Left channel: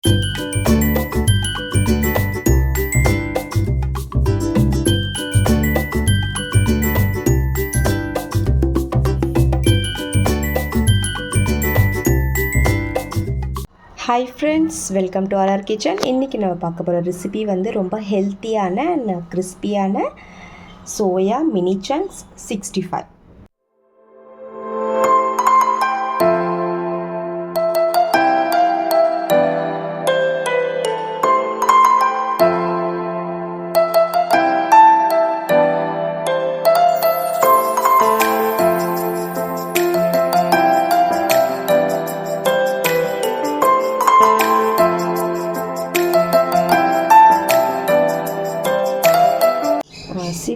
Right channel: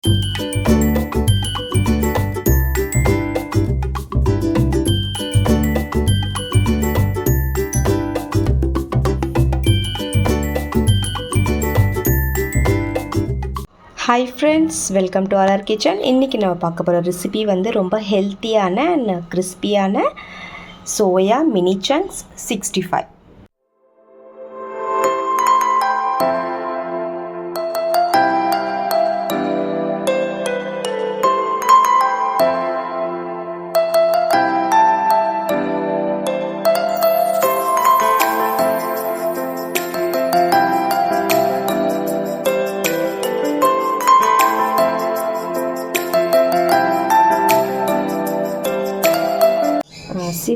Hi friends, welcome to RR kitchen. இன்றைக்கி நம்ம பார்க்க போகிற ரெசிபி வந்து ரொம்ப ஹெல்த்தியான கிறிஸ்பியான சோயா மினி சங்க்ஸ் 65.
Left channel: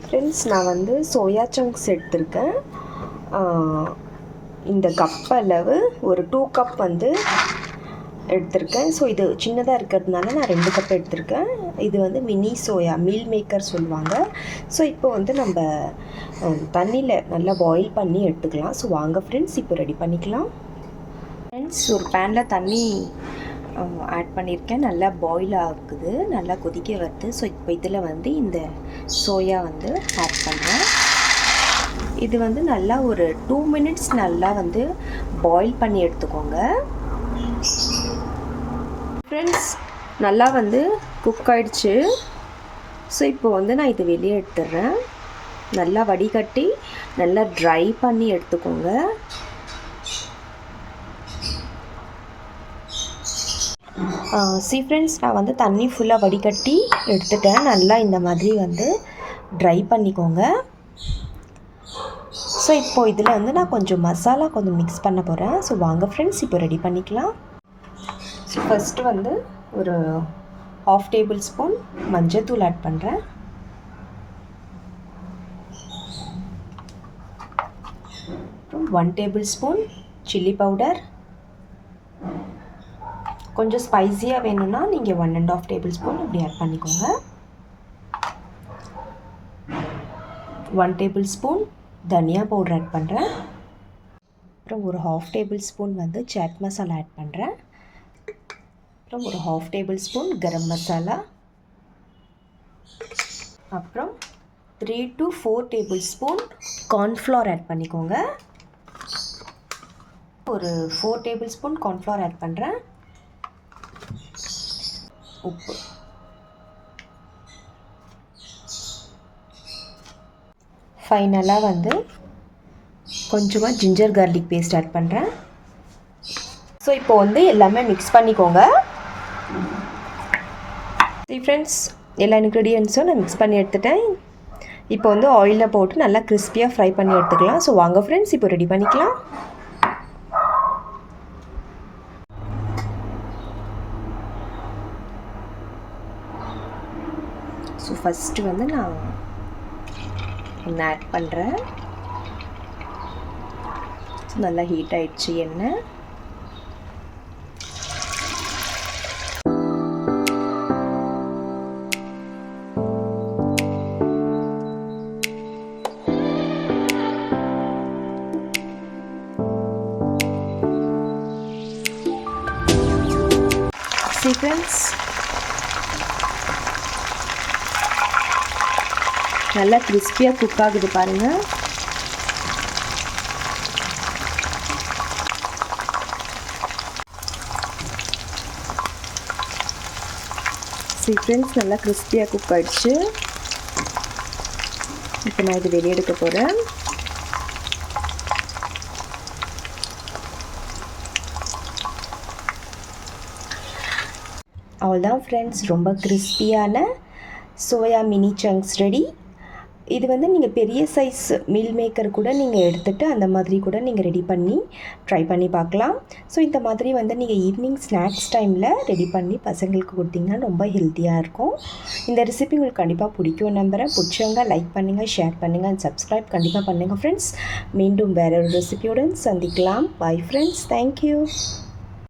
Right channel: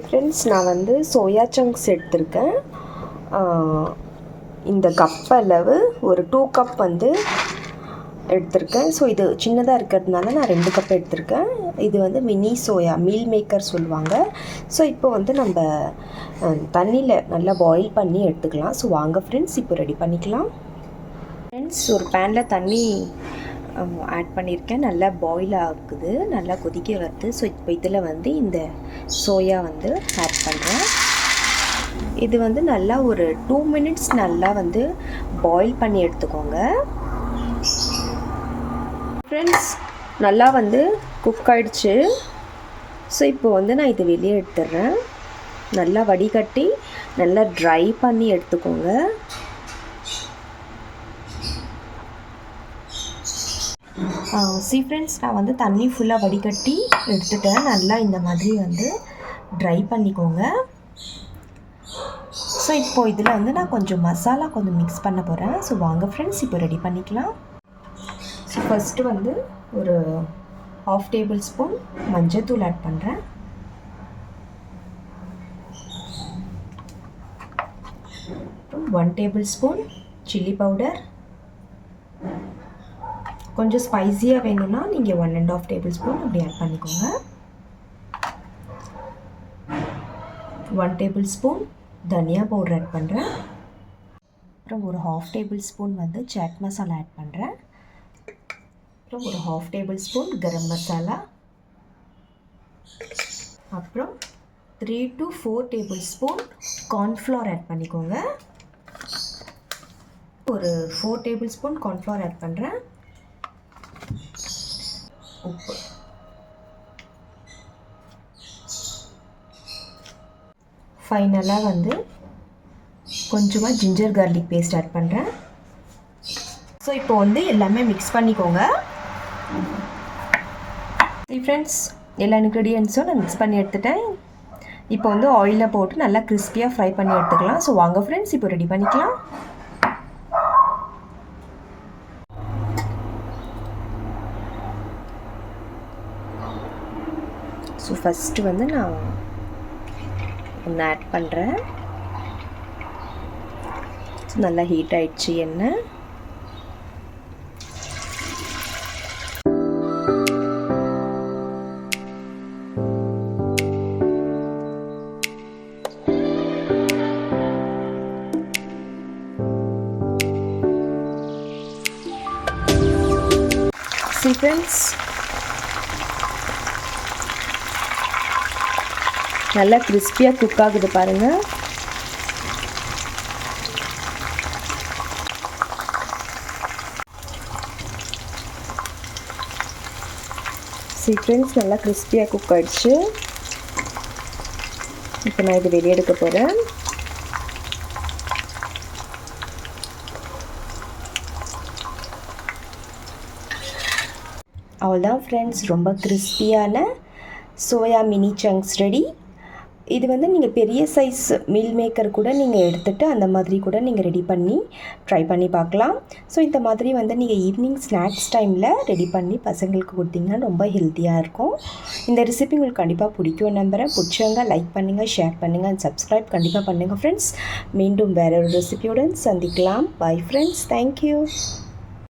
ஃப்ரெண்ட்ஸ், நான் வந்து சோயா சங்க்ஸ் எடுத்திருக்கேன். இந்த கப் அளவு ஒரு 2 கப் வந்து எடுத்திருக்கேன். ஸோ இது சின்னதாக இருக்கிறதுனால நான் 2 கப் எடுத்திருக்கேன். இது வந்து மினி சோயா மீல் மேக்கர் சொல்லுவாங்க. ஸோ இப்போ வந்து நம்ம தண்ணியில் நல்லா பாயில் பண்ணி எடுத்துக்கலாம். ஸோ வாங்க ஃப்ரெண்ட்ஸ், இப்போ ரெடி பண்ணிக்கலாம். ஃப்ரெண்ட்ஸ், ஒரு பேனில் தண்ணி ஆட் பண்ணியிருக்கேன். நல்லா பாயில் ஆகுது, நல்லா கொதிக்க வருது. ஸோ இப்போ இதில் வந்து இந்த சோயா வந்து ஆட் பண்ணுறேன். இது வந்து நல்லா ஒரு 2 மினிட்ஸ் நல்லா வந்து பாயில் பண்ணி எடுத்துக்கோங்க. ஃப்ரெண்ட்ஸ், நல்லா வந்து குக் ஆகிடுச்சு. ஸோ இப்போ வந்து நான் இது வெளியே எடுத்துடுறேன். நல்லா வடிகட்டி நல்லா ட்ரை பண்ணி எடுத்துக்கோங்க. ஃப்ரெண்ட்ஸ், நான் வந்து தண்ணி ஃபுல்லாக வடிகட்டி எடுத்துட்டேன். நல்லா இந்த மாதிரி வந்து ட்ரை பண்ணிக்கோங்க. ஸோ இப்போது இதில் வந்து நான் கொஞ்சம் மசாலா கொஞ்சம் மிக்ஸ் பண்ண போகிறேன். ஸோ வாங்க ஃப்ரெண்ட்ஸ், இப்போ ரெடி பண்ணிக்கலாம். ஸோ ஃபஸ்ட்டு வந்து ஒரு 1/2 டேபிள் ஸ்பூன் மஞ்சள்தூள் ஆட் பண்ணுறேன். அப்புறம் 1 டேபிள் ஸ்பூன் சில்லி பவுடர். கொஞ்சம் ஸ்பைஸியாக வேணும்னா நீங்கள் 1 1/2 டேபிள் ஸ்பூன் அப்படி ஆட் பண்ணிக்கோங்க. 1 டேபிள் ஸ்பூன் தனியா பவுடர் ஆட் பண்ணுறேன். அப்புறம் ஒரு 1/2 டேபிள் ஸ்பூன் வந்து சாட் மசாலா ஆட் பண்ணுறேன். அப்புறம் ஒரு 1/2 டேபிள் ஸ்பூன் கரம் மசாலா. அப்புறம் 3 to 4 tablespoon cornflour add பண்ணிக்கோங்க. ஒரு 4 டேபிள் ஸ்பூன் கார்ன்ஃப்ளவர் ஆட் பண்ணுறேன். உப்பு. ஃபைனலாக வந்து கொஞ்சமாக ஜிஞ்சர் கார்லிக் பேஸ்ட் ஆட் பண்ணுறேன். ஸோ இப்போ வந்து எல்லாமே மிக்ஸ் பண்ணிக்கோங்க. ஃப்ரெண்ட்ஸ், எல்லா இன்க்ரீடியன்ஸும் நான் மிக்ஸ் பண்ணி எடுத்துட்டேன். இப்போ வந்து ஆயிலில் போட்டு நல்லா கிறிஸ்பியாக ஃப்ரை பண்ணி எடுத்துக்கலாம். ஸோ வாங்க ஃப்ரெண்ட்ஸ், இப்போ ரெடி பண்ணிக்கலாம். ஸோ ஃபஸ்ட்டு வந்து நான் ஒன்று ஆட் பண்ணுறேன். ஸோ நல்லா ஹீட் ஆகிடுச்சு எண்ணெய். ஃப்ரெண்ட்ஸ், நல்லா கிறிஸ்பியாக குக் ஆகுது பாருங்கள். ஃப்ரெண்ட்ஸ், நல்லா கிறிஸ்பியாக குக் ஆகிடுச்சு. இப்போ நான் இது வெளியே எடுக்க போகிறேன். அவ்வளோதான் ஃப்ரெண்ட்ஸ், ரொம்ப கிறிஸ்பியான சோயா மினி சங்க்ஸ் ரெடி. இது வந்து நீங்கள் பெரிய சைஸ் மீல் மேக்கர் கூட நீங்கள் எடுத்துகிட்டு அந்த மாதிரி கூட நீங்கள் ரெடி பண்ணி ட்ரை பண்ணி பார்க்கலாம். ஸோ இந்த மாதிரி வந்து நீங்கள் ஈவினிங் ஸ்நாக்ஸ் டைமில் ரெடி பண்ணி பசங்களுக்கு கொடுத்தீங்கன்னா ரொம்ப ஹெல்த்தியாக இருக்கும். இந்த ரெசிபி உங்களுக்கு கண்டிப்பாக பிடிக்கும் நம்புகிறேன். பிடிச்சவங்க லைக் பண்ணுங்கள், ஷேர் பண்ணுங்கள் அண்ட் சப்ஸ்கிரைப் கண்டிப்பாக பண்ணுங்கள் ஃப்ரெண்ட்ஸ். மீண்டும் வேற ஒரு ரெசிபியுடன் சந்திக்கலாம். Bye friends, thank you.